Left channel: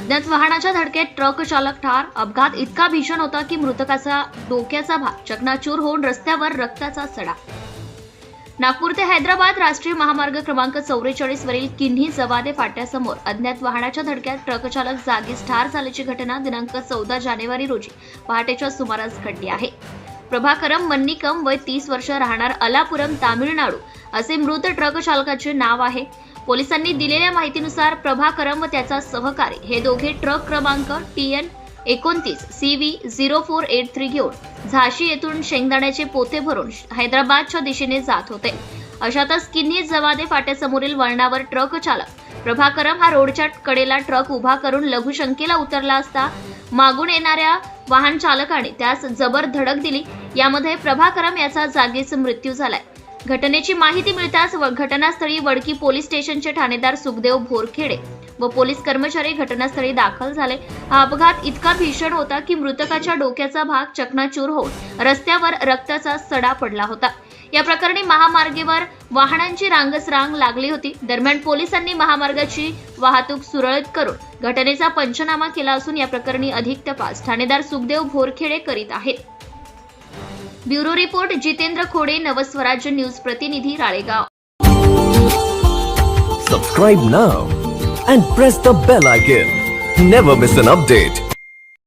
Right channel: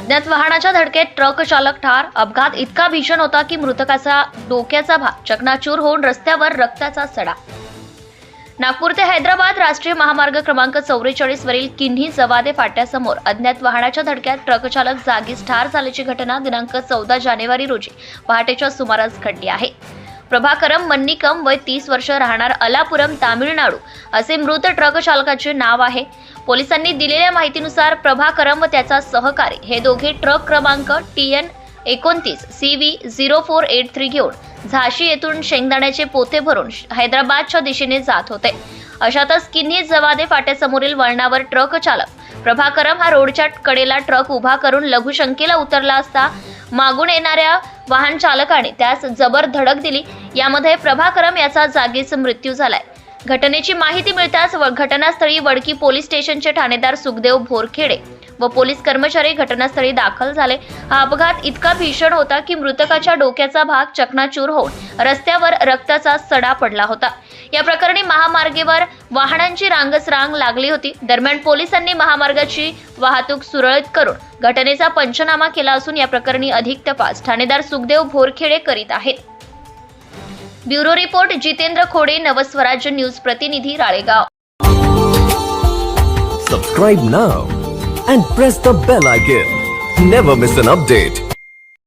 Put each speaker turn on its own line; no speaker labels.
अज्ञात वाहनाच्या धडकेत ट्रक चालक ठार. अपघात इतका भीषण होता की मृतकाचा डोक्याचा भाग चकनाचूर होऊन रस्त्यावर रक्ताचा सडा नागपूर ते हैदराबाद राष्ट्रीय महामार्ग क्रमांक चौवेचाळीस वरील किन्ही जवादे फाट्यासमोर अज्ञात वाहनाच्या धडक्यात ट्रकचालक जागीच ठार झाल्याची घटना दिनांक चौदा जानेवारी रोजी पहाटेच्या सुमारास घडली आहे. प्रभाकरम मन्निकम वय तीस वर्ष राहणार अलापुरम तामिळनाडू असे मृत ट्रक चालकाचे नाव आहे. पोलिसांनी दिलेल्या माहितीनुसार प्रभाकरम व त्याचा सहकारी हे दोघे ट्रक क्रमांक टी एन एकोणतीस C V zero four eight three घेऊन झाशी येथून शेंगदाण्याचे पोते भरून हैदराबादच्या दिशेने जात होते. अशातच किन्ही जवादे फाट्यासमोरील वळणावर ट्रक चालक प्रभाकरम हा रोडच्या कडेला ट्रक उभा करून लघुशंकेला उतरला असता मागून येणाऱ्या वाहन चालकाने त्यास जबर धडक दिली. यामध्ये प्रभाकरम याचा जागीच मृत्यू झालाय. घटनेची माहिती मिळताच व- घटनास्थळी वडकी पोलीस स्टेशनचे ठाणेदार सुखदेव भोरखेडे व पोलीस कर्मचारी घटनास्थळी दाखल झाले. हा अपघात इतका भीषण होता की मृतकाच्या डोक्याचा भाग चकनाचूर होऊन रस्त्यावर रक्ताचा सडा पडला होता. या प्रकरणी महामार्गेवर वाहनांची रांगच रांग लागली होती. दरम्यान पोलिसांनी महामार्गाची वाहतूक सुरळीत करून घटनेचा पंचनामा केला असून या प्रकरणी अधिक तपास ठाणेदार सुखदेव भोरखेडे करीत आहेत. Bureau report Jitendra Khode Navswarajya news प्रतिनिधी Ralegaon
Subscribe now and press the bell icon. Never miss an update.